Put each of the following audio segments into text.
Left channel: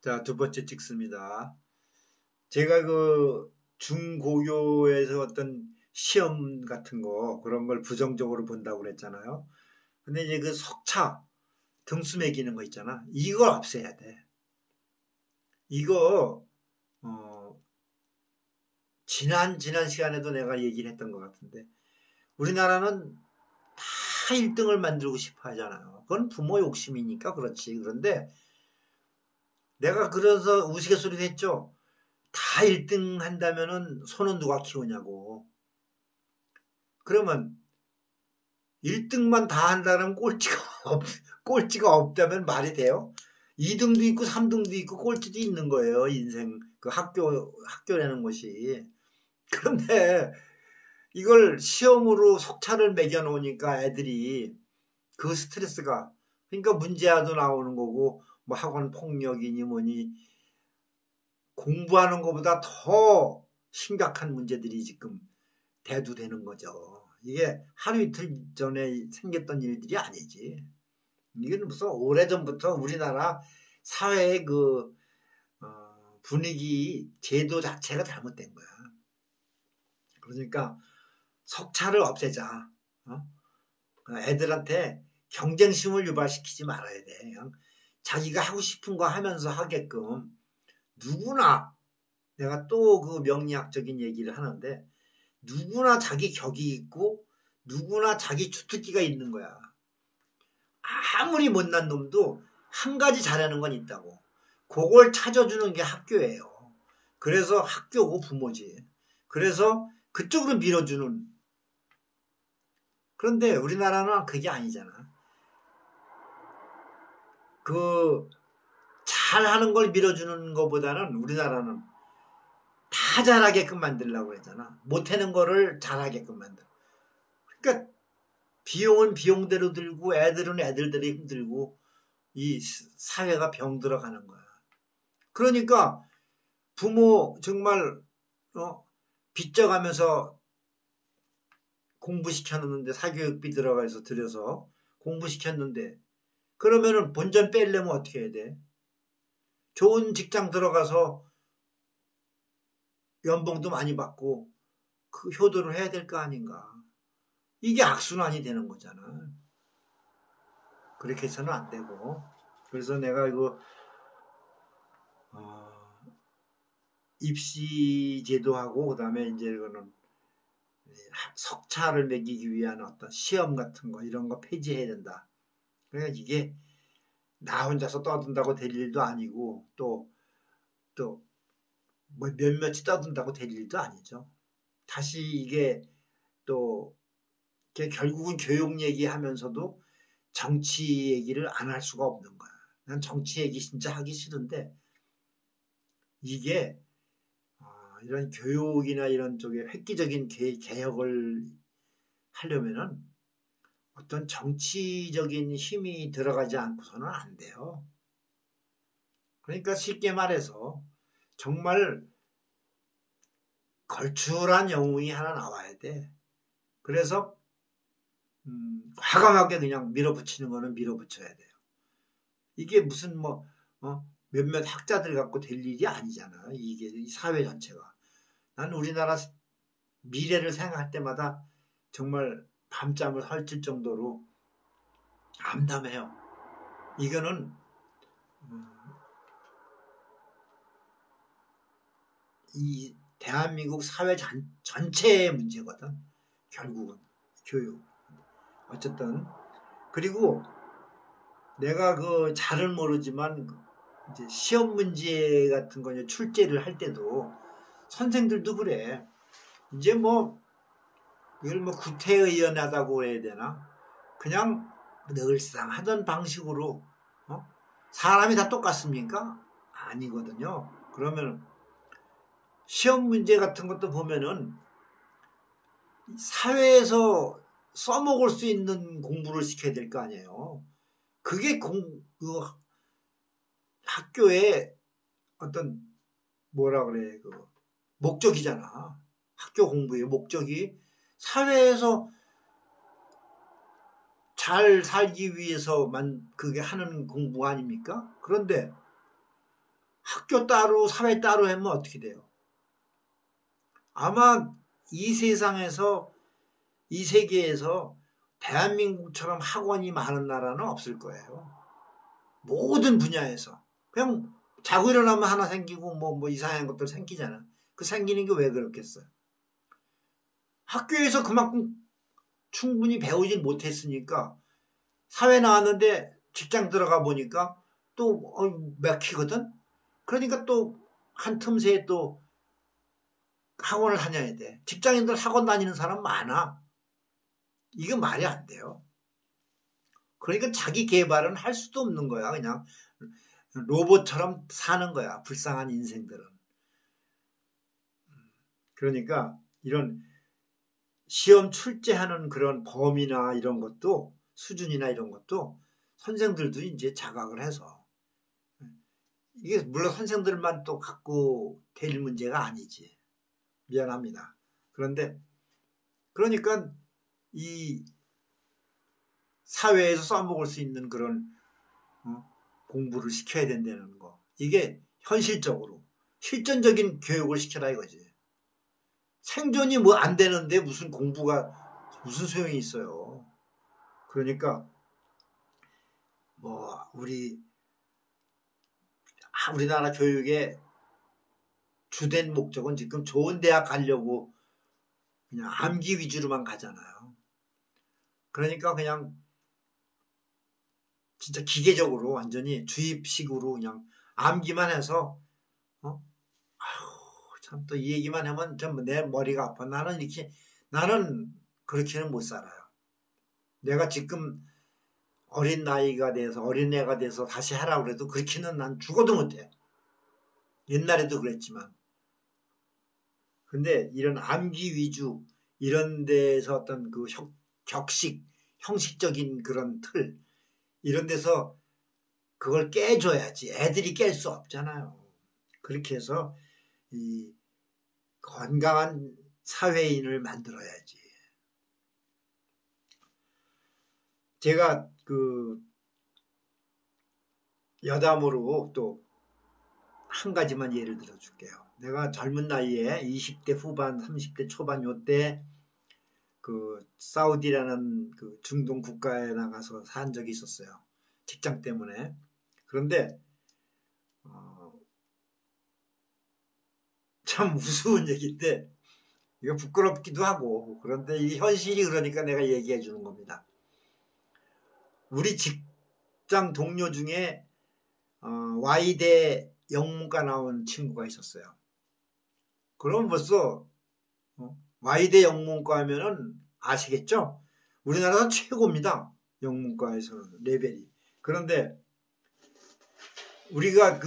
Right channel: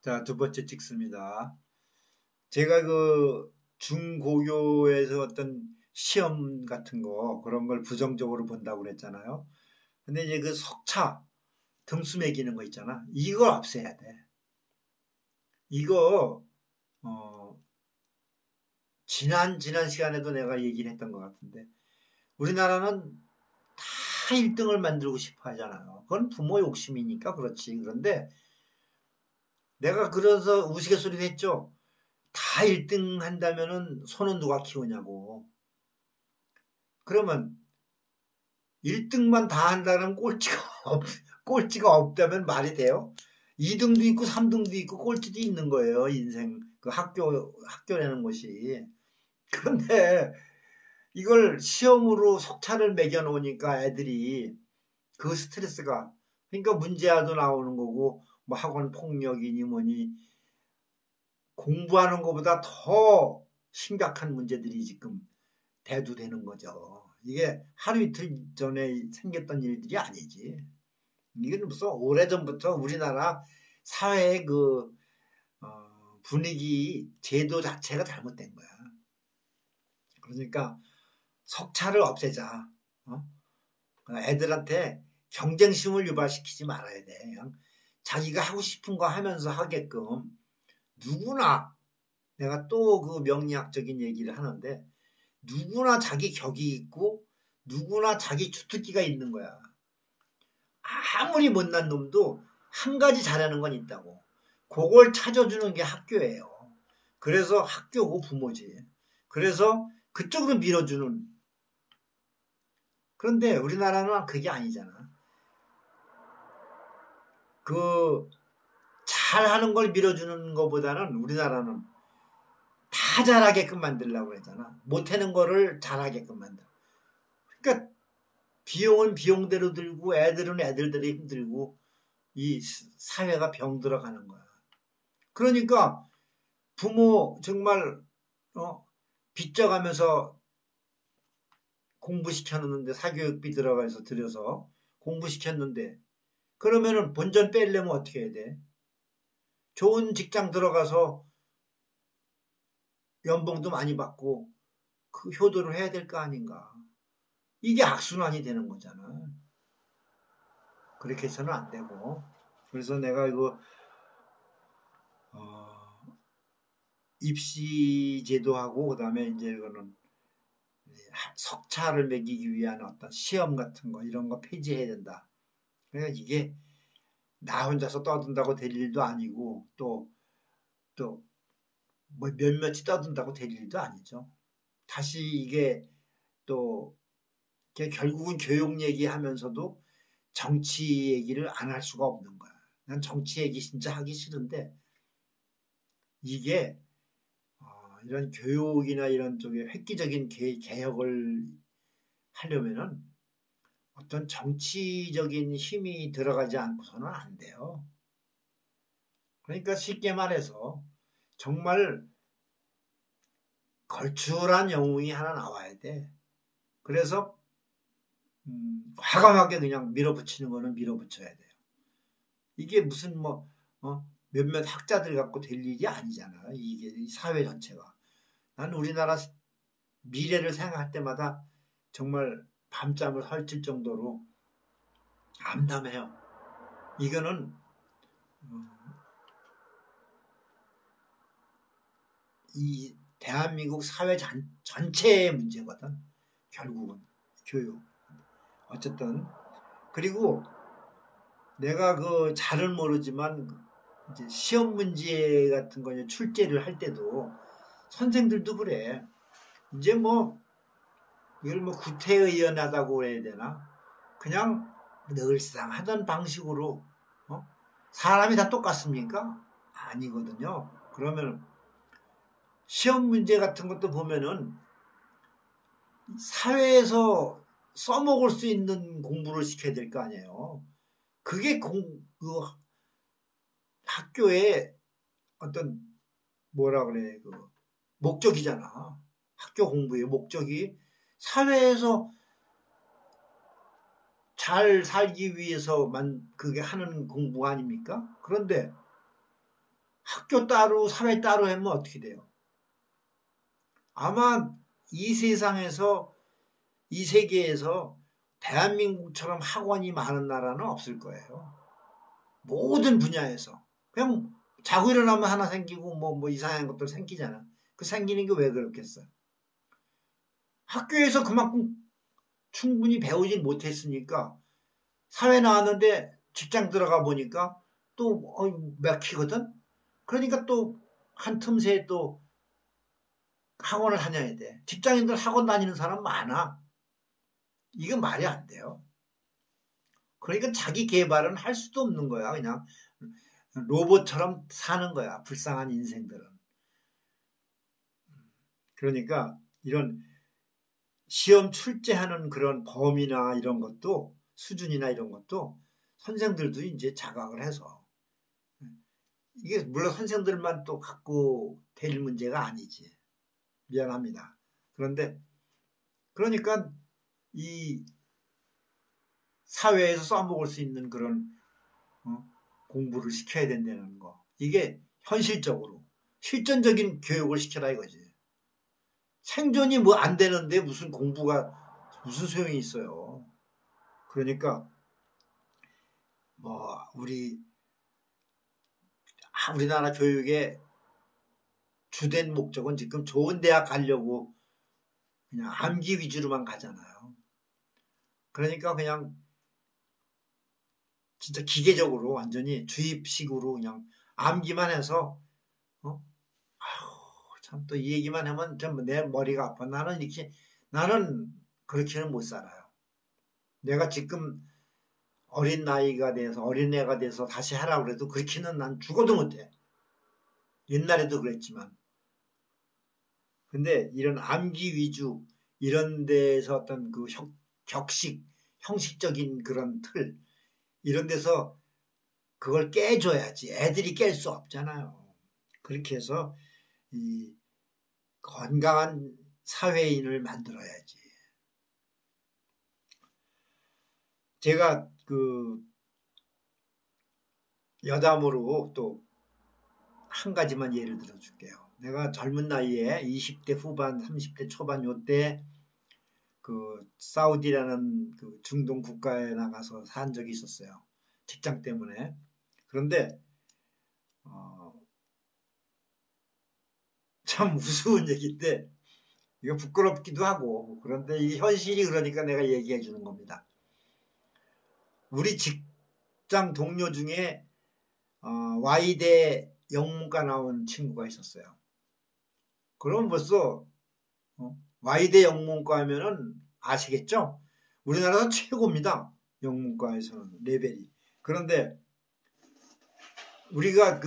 자, 두 번째 찍습니다. 제가 그 중고교에서 어떤 시험 같은 거 그런 걸 부정적으로 본다고 그랬잖아요. 근데 이제 그 석차 등수 매기는 거 있잖아. 이걸 없애야 돼. 이거 지난 시간에도 내가 얘기를 했던 것 같은데 우리나라는 다 1등을 만들고 싶어 하잖아요. 그건 부모 욕심이니까 그렇지. 그런데 내가 그래서 우스갯소리도 했죠. 다 1등 한다면은 소는 누가 키우냐고. 그러면 1등만 다 한다면 꼴찌가 없다면 말이 돼요? 2등도 있고 3등도 있고 꼴찌도 있는 거예요. 인생 그 학교라는 것이. 그런데 이걸 시험으로 석차를 매겨 놓으니까 애들이 그 스트레스가, 그러니까 문제아도 나오는 거고 뭐 학원 폭력이니 뭐니 공부하는 것보다 더 심각한 문제들이 지금 대두되는 거죠. 이게 하루 이틀 전에 생겼던 일들이 아니지. 이건 무슨 오래전부터 우리나라 사회의 그 분위기, 제도 자체가 잘못된 거야. 그러니까 석차를 없애자. 애들한테 경쟁심을 유발시키지 말아야 돼. 그냥 자기가 하고 싶은 거 하면서 하게끔 누구나, 내가 또 그 명리학적인 얘기를 하는데, 누구나 자기 격이 있고 누구나 자기 주특기가 있는 거야. 아무리 못난 놈도 한 가지 잘하는 건 있다고. 그걸 찾아주는 게 학교예요. 그래서 학교고 부모지. 그래서 그쪽으로 밀어주는. 그런데 우리나라는 그게 아니잖아. 그 잘하는 걸 밀어주는 것보다는 우리나라는 다 잘하게끔 만들려고 하잖아. 못하는 거를 잘하게끔 만들어. 그러니까 비용은 비용대로 들고 애들은 애들대로 힘들고 이 사회가 병들어가는 거야. 그러니까 부모 정말 빚져가면서 공부시켰는데, 사교육비 들어가서 들여서 공부시켰는데, 그러면은 본전 빼려면 어떻게 해야 돼? 좋은 직장 들어가서 연봉도 많이 받고 그 효도를 해야 될 거 아닌가. 이게 악순환이 되는 거잖아. 그렇게 해서는 안 되고. 그래서 내가 이거 입시 제도하고 그다음에 이제 이거는 석차를 매기기 위한 어떤 시험 같은 거 이런 거 폐지해야 된다. 그러니까 이게 나 혼자서 떠든다고 될 일도 아니고 또 뭐 몇몇이 떠든다고 될 일도 아니죠. 다시 이게 또 결국은 교육 얘기하면서도 정치 얘기를 안 할 수가 없는 거야. 난 정치 얘기 진짜 하기 싫은데 이게 이런 교육이나 이런 쪽에 획기적인 개혁을 하려면은 어떤 정치적인 힘이 들어가지 않고서는 안 돼요. 그러니까 쉽게 말해서 정말 걸출한 영웅이 하나 나와야 돼. 그래서 과감하게 그냥 밀어붙이는 거는 밀어붙여야 돼요. 이게 무슨 몇몇 학자들 갖고 될 일이 아니잖아. 이게 이 사회 전체가. 난 우리나라 미래를 생각할 때마다 정말 밤잠을 설칠 정도로 암담해요. 이거는 이 대한민국 사회 전체의 문제거든. 결국은 교육. 어쨌든 그리고 내가 그 잘은 모르지만 이제 시험 문제 같은 거 출제를 할 때도 선생들도 그래. 이제 이걸 구태의연하다고 해야 되나? 그냥 늘상 하던 방식으로 사람이 다 똑같습니까? 아니거든요. 그러면 시험 문제 같은 것도 보면은 사회에서 써먹을 수 있는 공부를 시켜야 될 거 아니에요. 그게 그 학교의 어떤 뭐라 그래 목적이잖아. 학교 공부의 목적이 사회에서 잘 살기 위해서만 그게 하는 공부 아닙니까? 그런데 학교 따로 사회 따로 하면 어떻게 돼요? 아마 이 세상에서 이 세계에서 대한민국처럼 학원이 많은 나라는 없을 거예요. 모든 분야에서. 그냥 자고 일어나면 하나 생기고 뭐 이상한 것들 생기잖아. 그 생기는 게 왜 그렇겠어요? 학교에서 그만큼 충분히 배우진 못했으니까 사회 나왔는데 직장 들어가 보니까 또 막히거든. 그러니까 또 한 틈새에 또 학원을 다녀야 돼. 직장인들 학원 다니는 사람 많아. 이게 말이 안 돼요. 그러니까 자기 개발은 할 수도 없는 거야. 그냥 로봇처럼 사는 거야. 불쌍한 인생들은. 그러니까 이런 시험 출제하는 그런 범위나 이런 것도 수준이나 이런 것도 선생들도 이제 자각을 해서 이게 물론 선생들만 또 갖고 될 문제가 아니지. 미안합니다. 그런데 그러니까 이 사회에서 써먹을 수 있는 그런 공부를 시켜야 된다는 거. 이게 현실적으로 실전적인 교육을 시켜라 이거지. 생존이 뭐 안 되는데 무슨 공부가 무슨 소용이 있어요. 그러니까 뭐 우리나라 교육의 주된 목적은 지금 좋은 대학 가려고 그냥 암기 위주로만 가잖아요. 그러니까 그냥 진짜 기계적으로 완전히 주입식으로 그냥 암기만 해서 참 또 이 얘기만 하면 좀 내 머리가 아파. 나는 그렇게는 못 살아요. 내가 지금 어린 나이가 돼서 어린애가 돼서 다시 하라고 해도 그렇게는 난 죽어도 못해. 옛날에도 그랬지만. 근데 이런 암기 위주 이런 데서 어떤 그 형식적인 그런 틀 이런 데서 그걸 깨줘야지. 애들이 깰 수 없잖아요. 그렇게 해서 이 건강한 사회인을 만들어야지. 제가 그 여담으로 또 한 가지만 예를 들어 줄게요. 내가 젊은 나이에 20대 후반, 30대 초반 요때 그 사우디라는 그 중동 국가에 나가서 산 적이 있었어요. 직장 때문에. 그런데 참 우스운 얘기인데 이거 부끄럽기도 하고 그런데 이 현실이 그러니까 내가 얘기해 주는 겁니다. 우리 직장 동료 중에 Y대 영문과 나온 친구가 있었어요. 그럼 벌써 Y대 영문과 하면은 아시겠죠? 우리나라에서 최고입니다. 영문과에서는 레벨이. 그런데 우리가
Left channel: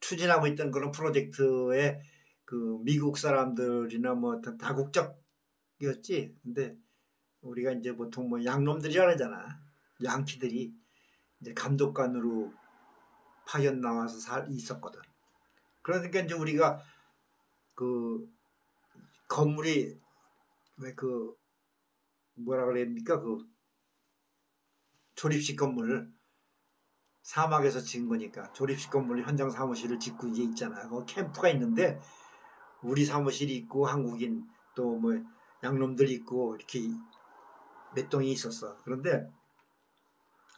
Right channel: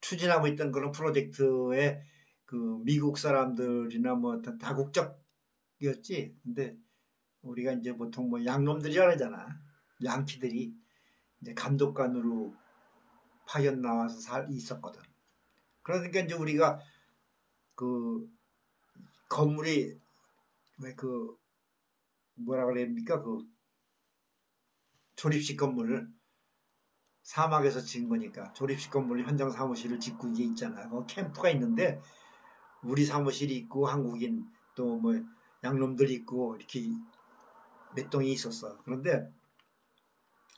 추진하고 있던 그런 프로젝트에 그 미국 사람들이나 뭐 어떤 다국적이었지. 근데 우리가 이제 보통 뭐 양놈들이라 그러잖아. 양키들이 이제 감독관으로 파견 나와서 있었거든. 그러니까 이제 우리가 그 건물이 왜 그 뭐라 그럽니까 그 조립식 건물 사막에서 지은 거니까 조립식 건물 현장 사무실을 짓고 이제 있잖아. 그 캠프가 있는데 우리 사무실이 있고 한국인 또 뭐 양놈들 있고 이렇게 몇 동이 있었어. 그런데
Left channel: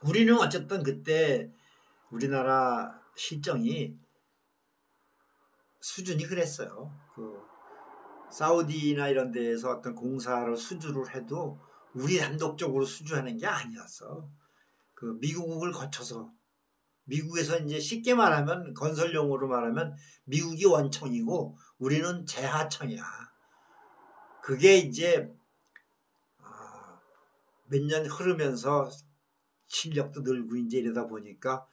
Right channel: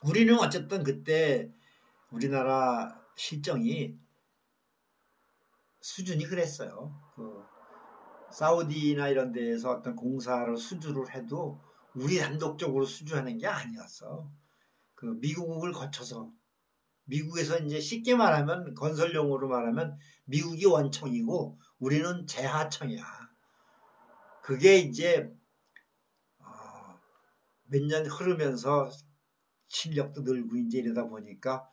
우리는 어쨌든 그때 우리나라 실정이 수준이 그랬어요. 그 사우디나 이런 데에서 어떤 공사를 수주를 해도 우리 단독적으로 수주하는 게 아니었어. 그 미국을 거쳐서 미국에서 이제 쉽게 말하면 건설용어로 말하면 미국이 원청이고 우리는 재하청이야. 그게 이제 몇 년 흐르면서 실력도 늘고 이제 이러다 보니까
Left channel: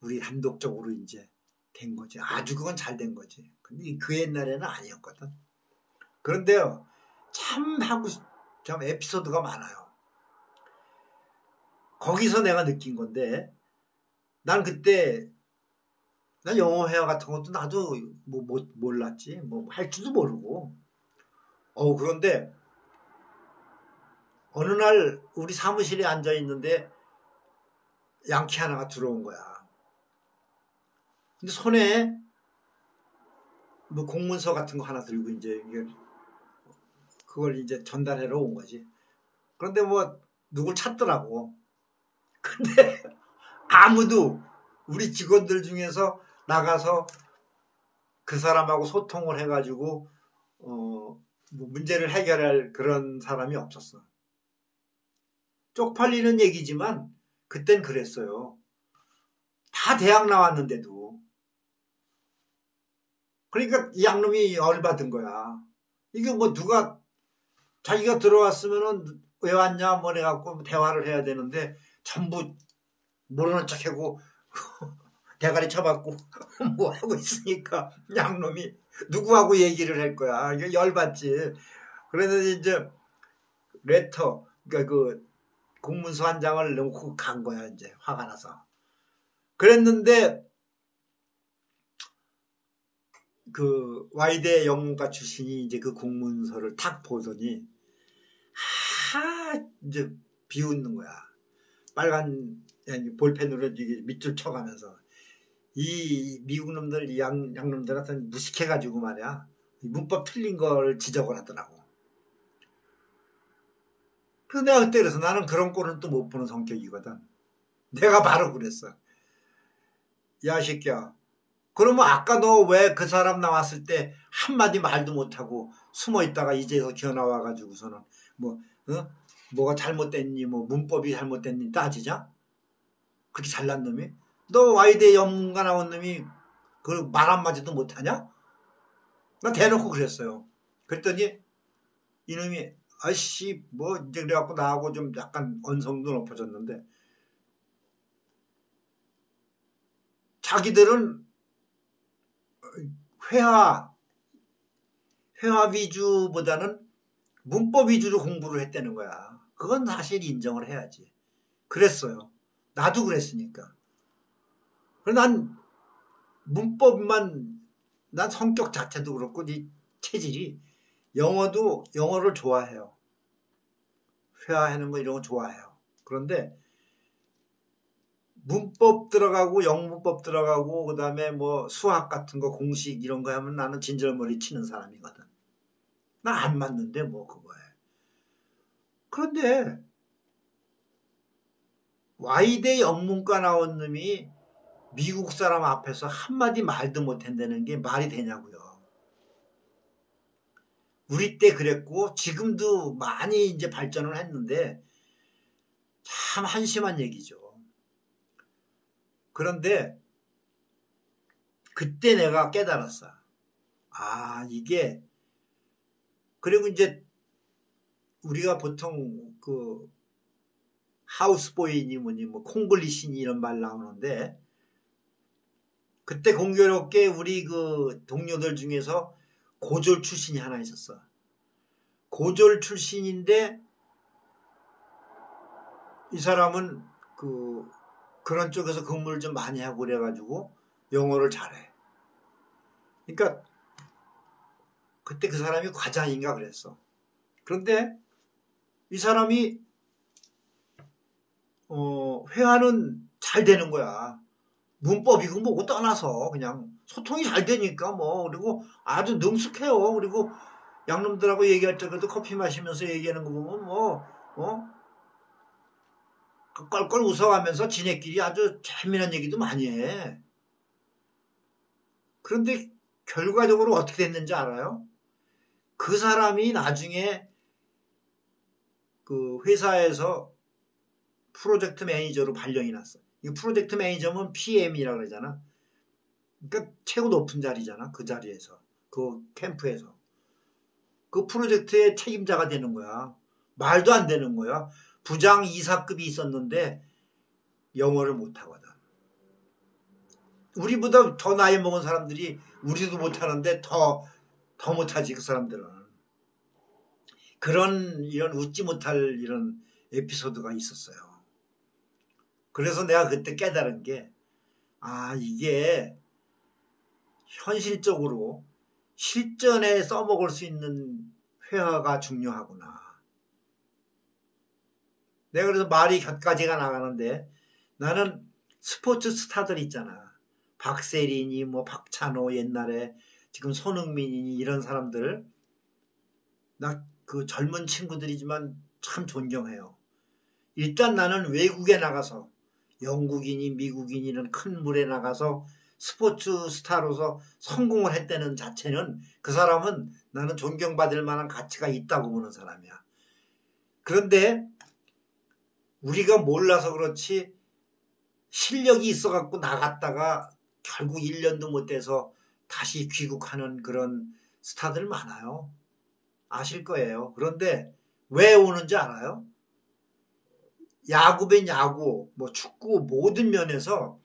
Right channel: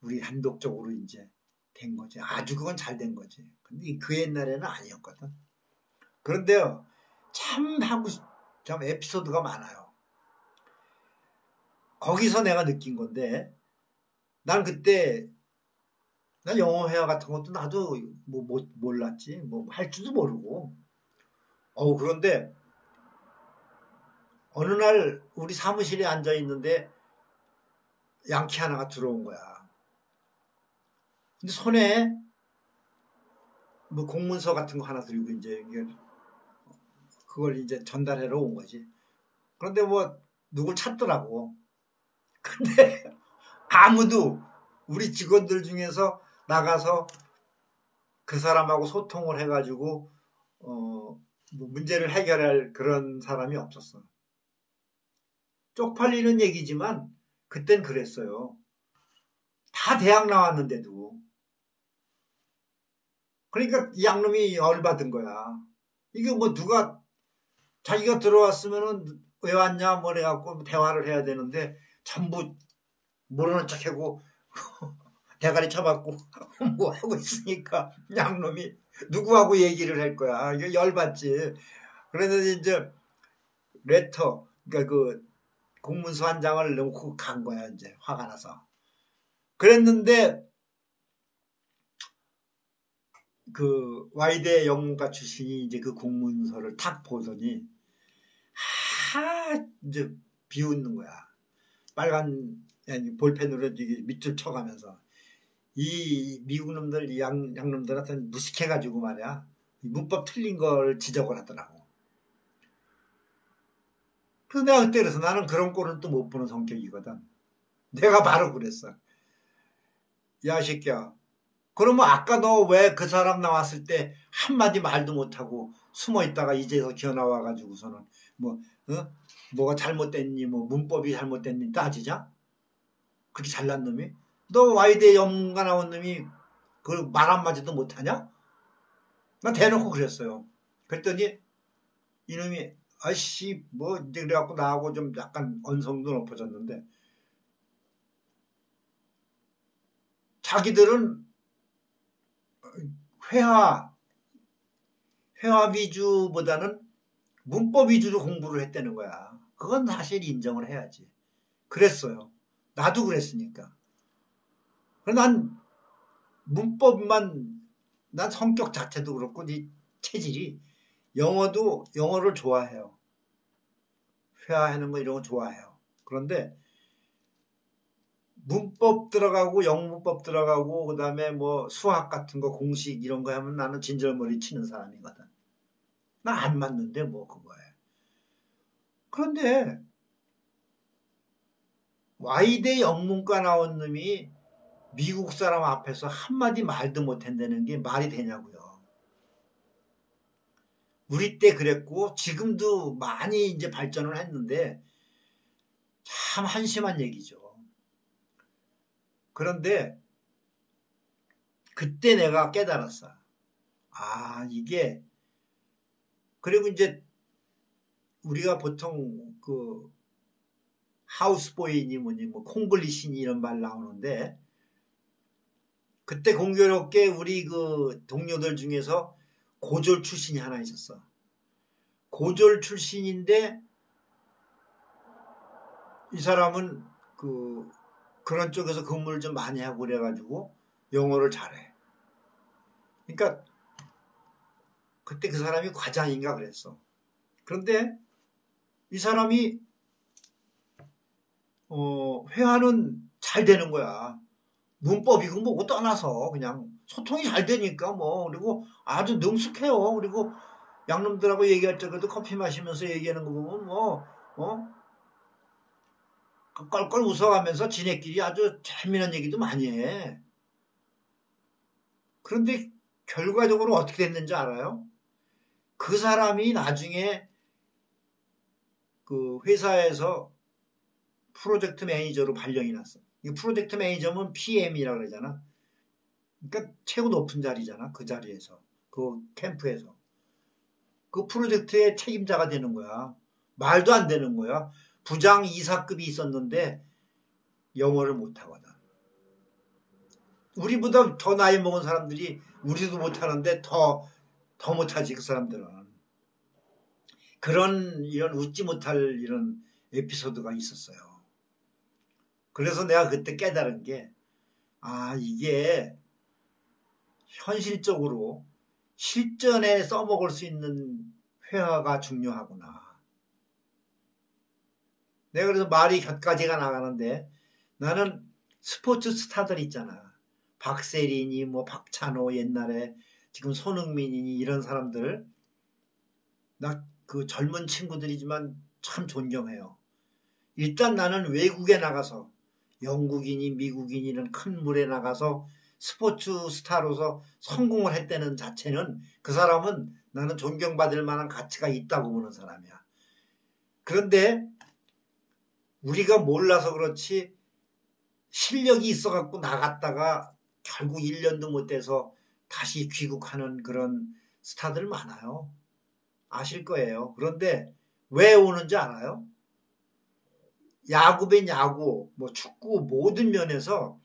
우리 단독적으로 이제 된 거지. 아주 그건 잘 된 거지. 근데 그 옛날에는 아니었거든. 그런데요, 참 에피소드가 많아요. 거기서 내가 느낀 건데, 난 그때, 난 영어 회화 같은 것도 나도 몰랐지. 뭐 할 줄도 모르고. 그런데, 어느 날 우리 사무실에 앉아 있는데, 양키 하나가 들어온 거야. 근데 손에 뭐 공문서 같은 거 하나 들고 이제 그걸 이제 전달하러 온 거지. 그런데 뭐 누굴 찾더라고. 근데 아무도 우리 직원들 중에서 나가서 그 사람하고 소통을 해가지고 뭐 문제를 해결할 그런 사람이 없었어. 쪽팔리는 얘기지만 그땐 그랬어요. 다 대학 나왔는데도. 그러니까 이 양놈이 열받은 거야. 이게 뭐 누가 자기가 들어왔으면은 왜 왔냐 뭐 해갖고 대화를 해야 되는데 전부 모르는 척하고 대가리 쳐박고 뭐 하고 있으니까 양놈이 누구하고 얘기를 할 거야. 이거 열받지. 그랬는데 이제 레터 그러니까 그 공문서 한 장을 넣고 간 거야. 이제 화가 나서. 그랬는데 그 와이대 영문과 출신이 이제 그 공문서를 탁 보더니 이제 비웃는 거야. 빨간 볼펜으로 밑줄 쳐가면서 이 미국 놈들 이 양놈들한테 무식해가지고 말이야. 문법 틀린 걸 지적을 하더라고. 그래서 내가 그때 그래서 나는 그런 꼴을 또 못 보는 성격이거든. 내가 바로 그랬어. 야 새끼야. 그러면 아까 너 왜 그 사람 나왔을 때 한마디 말도 못하고 숨어 있다가 이제서 기어 나와가지고서는 뭐가 잘못됐니 뭐 문법이 잘못됐니 따지자? 그렇게 잘난 놈이? 너 와이대 연문가 나온 놈이 그 말 한마디도 못하냐? 나 대놓고 그랬어요. 그랬더니 이놈이 아씨 뭐 이제 그래갖고 나하고 좀 약간 언성도 높아졌는데 자기들은 회화 위주보다는 문법 위주로 공부를 했다는 거야. 그건 사실 인정을 해야지. 그랬어요. 나도 그랬으니까. 난 문법만 난 성격 자체도 그렇고 이 체질이 영어를 좋아해요. 회화하는 거 이런 거 좋아해요. 그런데 문법 들어가고 영문법 들어가고 그다음에 뭐 수학 같은 거 공식 이런 거 하면 나는 진절머리 치는 사람이거든. 나 안 맞는데 뭐 그거에. 그런데 와이대 영문과 나온 놈이 미국 사람 앞에서 한마디 말도 못한다는 게 말이 되냐고요. 우리 때 그랬고 지금도 많이 이제 발전을 했는데 참 한심한 얘기죠. 그런데 그때 내가 깨달았어. 아 이게 그리고 이제 우리가 보통 그 하우스보이니 뭐니 뭐 콩글리시니 이런 말 나오는데 그때 공교롭게 우리 그 동료들 중에서 고졸 출신이 하나 있었어. 고졸 출신인데 이 사람은 그런 쪽에서 근무를 좀 많이 하고 그래가지고 영어를 잘해. 그러니까 그때 그 사람이 과장인가 그랬어. 그런데 이 사람이 회화는 잘 되는 거야. 문법이고 뭐고 떠나서 그냥 소통이 잘 되니까 뭐 그리고 아주 능숙해요. 그리고 양놈들하고 얘기할 때도 커피 마시면서 얘기하는 거 보면 껄껄 웃어가면서 지네끼리 아주 재미난 얘기도 많이 해. 그런데 결과적으로 어떻게 됐는지 알아요? 그 사람이 나중에 그 회사에서 프로젝트 매니저로 발령이 났어. 이 프로젝트 매니저면 PM이라고 그러잖아. 그러니까 최고 높은 자리잖아. 그 자리에서. 그 캠프에서. 그 프로젝트의 책임자가 되는 거야. 말도 안 되는 거야. 부장 이사급이 있었는데 영어를 못하거든. 우리보다 더 나이 먹은 사람들이 우리도 못하는데 더 못하지 그 사람들은. 이런 웃지 못할 이런 에피소드가 있었어요. 그래서 내가 그때 깨달은 게 이게 현실적으로 실전에 써먹을 수 있는 회화가 중요하구나. 내가 그래서 말이 곁가지가 나가는데 나는 스포츠 스타들 있잖아. 박세린이 뭐 박찬호 옛날에 지금 손흥민이니 이런 사람들 나 그 젊은 친구들이지만 참 존경해요. 일단 나는 외국에 나가서 영국인이 미국인이는 큰 물에 나가서 스포츠 스타로서 성공을 했다는 자체는 그 사람은 나는 존경받을 만한 가치가 있다고 보는 사람이야. 그런데 우리가 몰라서 그렇지 실력이 있어갖고 나갔다가 결국 1년도 못 돼서 다시 귀국하는 그런 스타들 많아요. 아실 거예요. 그런데 왜 오는지 알아요? 야구면 야구, 뭐 축구 모든 면에서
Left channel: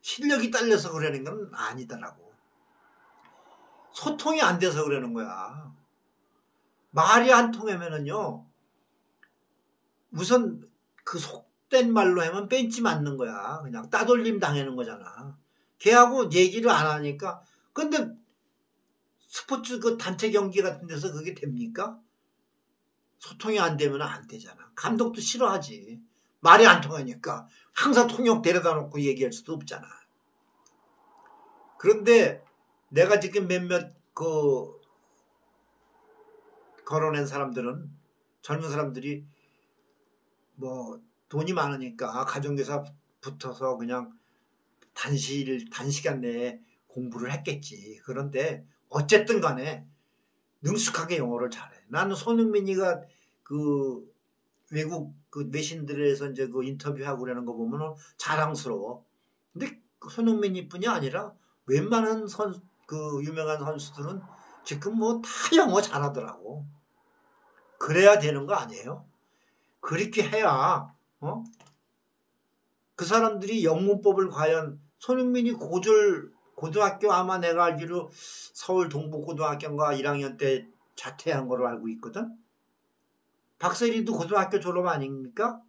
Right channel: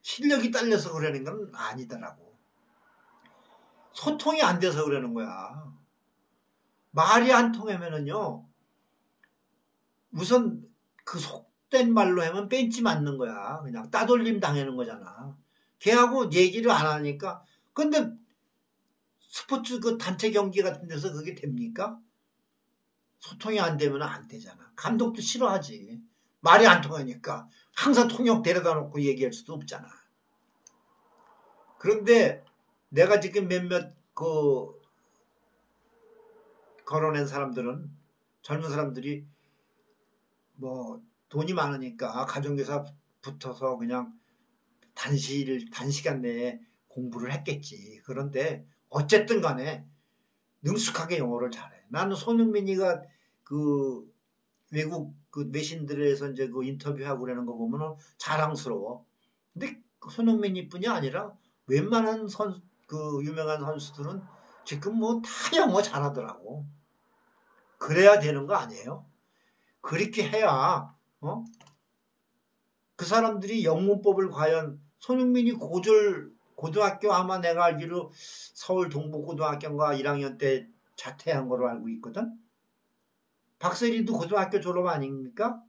실력이 딸려서 그러는 건 아니더라고. 소통이 안 돼서 그러는 거야. 말이 안 통하면은요. 우선 그 속된 말로 하면 벤치 맞는 거야. 그냥 따돌림 당하는 거잖아. 걔하고 얘기를 안 하니까. 근데 스포츠 그 단체 경기 같은 데서 그게 됩니까? 소통이 안 되면 안 되잖아. 감독도 싫어하지. 말이 안 통하니까 항상 통역 데려다 놓고 얘기할 수도 없잖아. 그런데 내가 지금 몇몇 그 걸어낸 사람들은 젊은 사람들이 뭐 돈이 많으니까 가정교사 붙어서 그냥 단시간 내에 공부를 했겠지. 그런데 어쨌든 간에 능숙하게 영어를 잘해. 나는 손흥민이가 그 외국 그 내신들에서 이제 그 인터뷰하고 그러는 거 보면 자랑스러워. 근데 손흥민이뿐이 아니라 웬만한 그 유명한 선수들은 지금 뭐 다 영어 잘하더라고. 그래야 되는 거 아니에요? 그렇게 해야 그 사람들이 영문법을 과연 손흥민이 고등학교 아마 내가 알기로 서울 동북고등학교인가 1학년 때 자퇴한 걸로 알고 있거든. 박세리도 고등학교 졸업 아닙니까?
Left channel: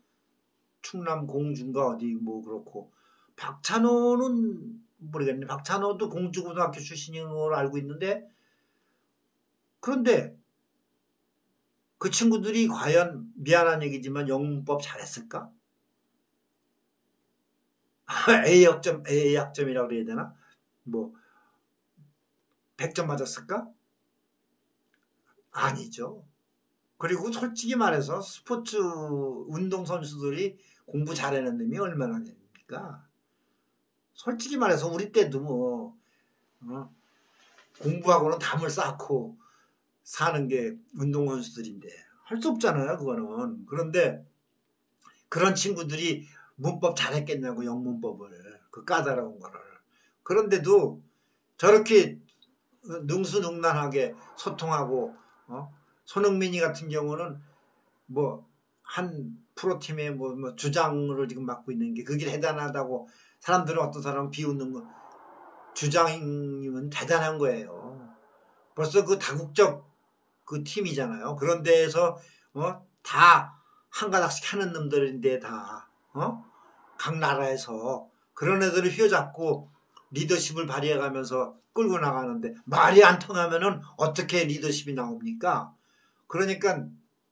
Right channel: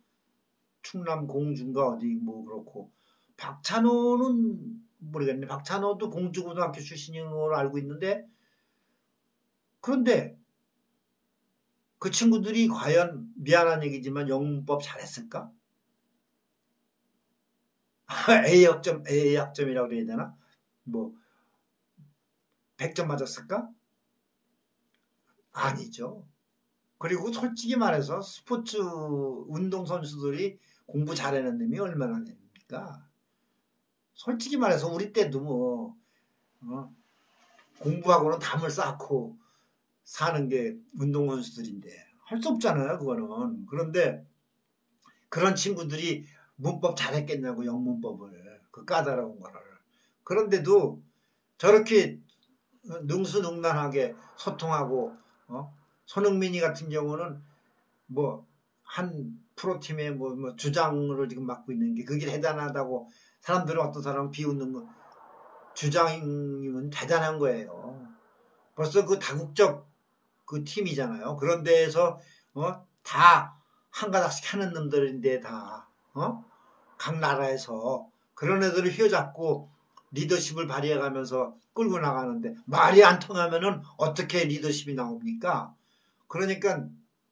충남 공주인가 어디 뭐 그렇고. 박찬호는 모르겠네. 박찬호도 공주고등학교 출신인 걸로 알고 있는데 그런데 그 친구들이 과연 미안한 얘기지만 영문법 잘했을까? A학점이라고 그래야 되나? 뭐 100점 맞았을까? 아니죠. 그리고 솔직히 말해서 스포츠 운동 선수들이 공부 잘하는 놈이 얼마나 됩니까? 솔직히 말해서 우리 때도 뭐 공부하고는 담을 쌓고 사는 게 운동 선수들인데 할 수 없잖아요. 그거는. 그런데 그런 친구들이 문법 잘했겠냐고 영문법을 그 까다로운 거를. 그런데도 저렇게 능수능란하게 소통하고 손흥민이 같은 경우는 뭐 한 프로팀의 뭐 주장을 지금 맡고 있는 게 그게 대단하다고 사람들은 어떤 사람은 비웃는 거 주장이면 대단한 거예요. 벌써 그 다국적 그 팀이잖아요. 그런 데에서 다 한 가닥씩 하는 놈들인데 다 각 나라에서 그런 애들을 휘어잡고 리더십을 발휘해가면서 끌고 나가는데 말이 안 통하면은 어떻게 리더십이 나옵니까? 그러니까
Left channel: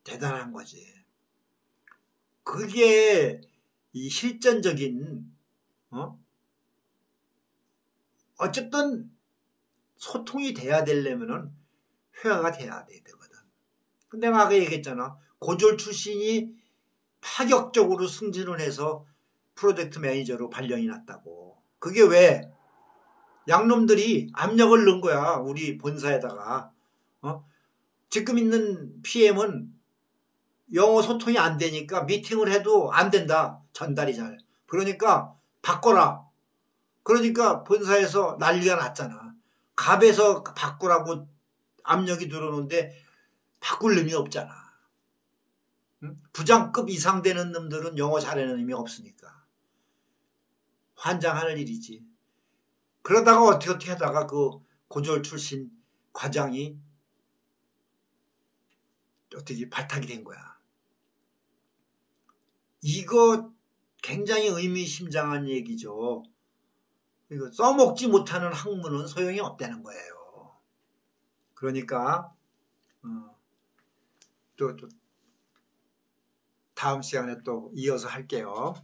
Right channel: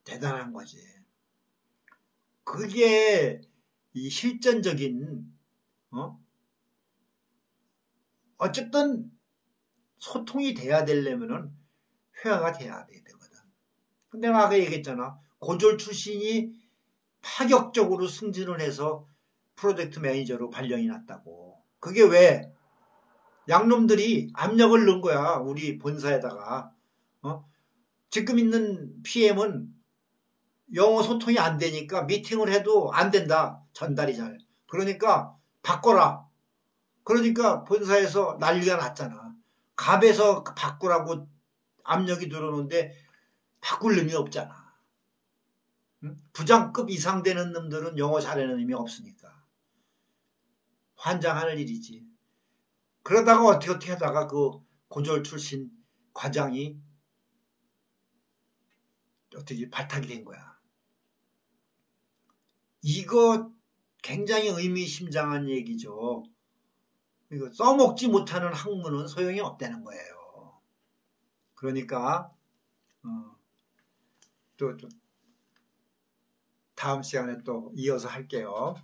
대단한 거지. 그게 이 실전적인 어쨌든 소통이 돼야 되려면은 회화가 돼야 되거든. 근데 내가 아까 얘기했잖아. 고졸 출신이 파격적으로 승진을 해서 프로젝트 매니저로 발령이 났다고. 그게 왜? 양놈들이 압력을 넣은 거야. 우리 본사에다가. 지금 있는 PM은 영어 소통이 안 되니까 미팅을 해도 안 된다. 전달이 잘. 그러니까 바꿔라. 그러니까 본사에서 난리가 났잖아. 갑에서 바꾸라고 압력이 들어오는데 바꿀 놈이 없잖아. 부장급 이상 되는 놈들은 영어 잘하는 놈이 없으니까. 환장할 일이지. 그러다가 어떻게 하다가 그 고졸 출신 과장이 어떻게 발탁이 된 거야. 이거 굉장히 의미심장한 얘기죠. 이거 써먹지 못하는 학문은 소용이 없다는 거예요. 그러니까 또 다음 시간에 또 이어서 할게요.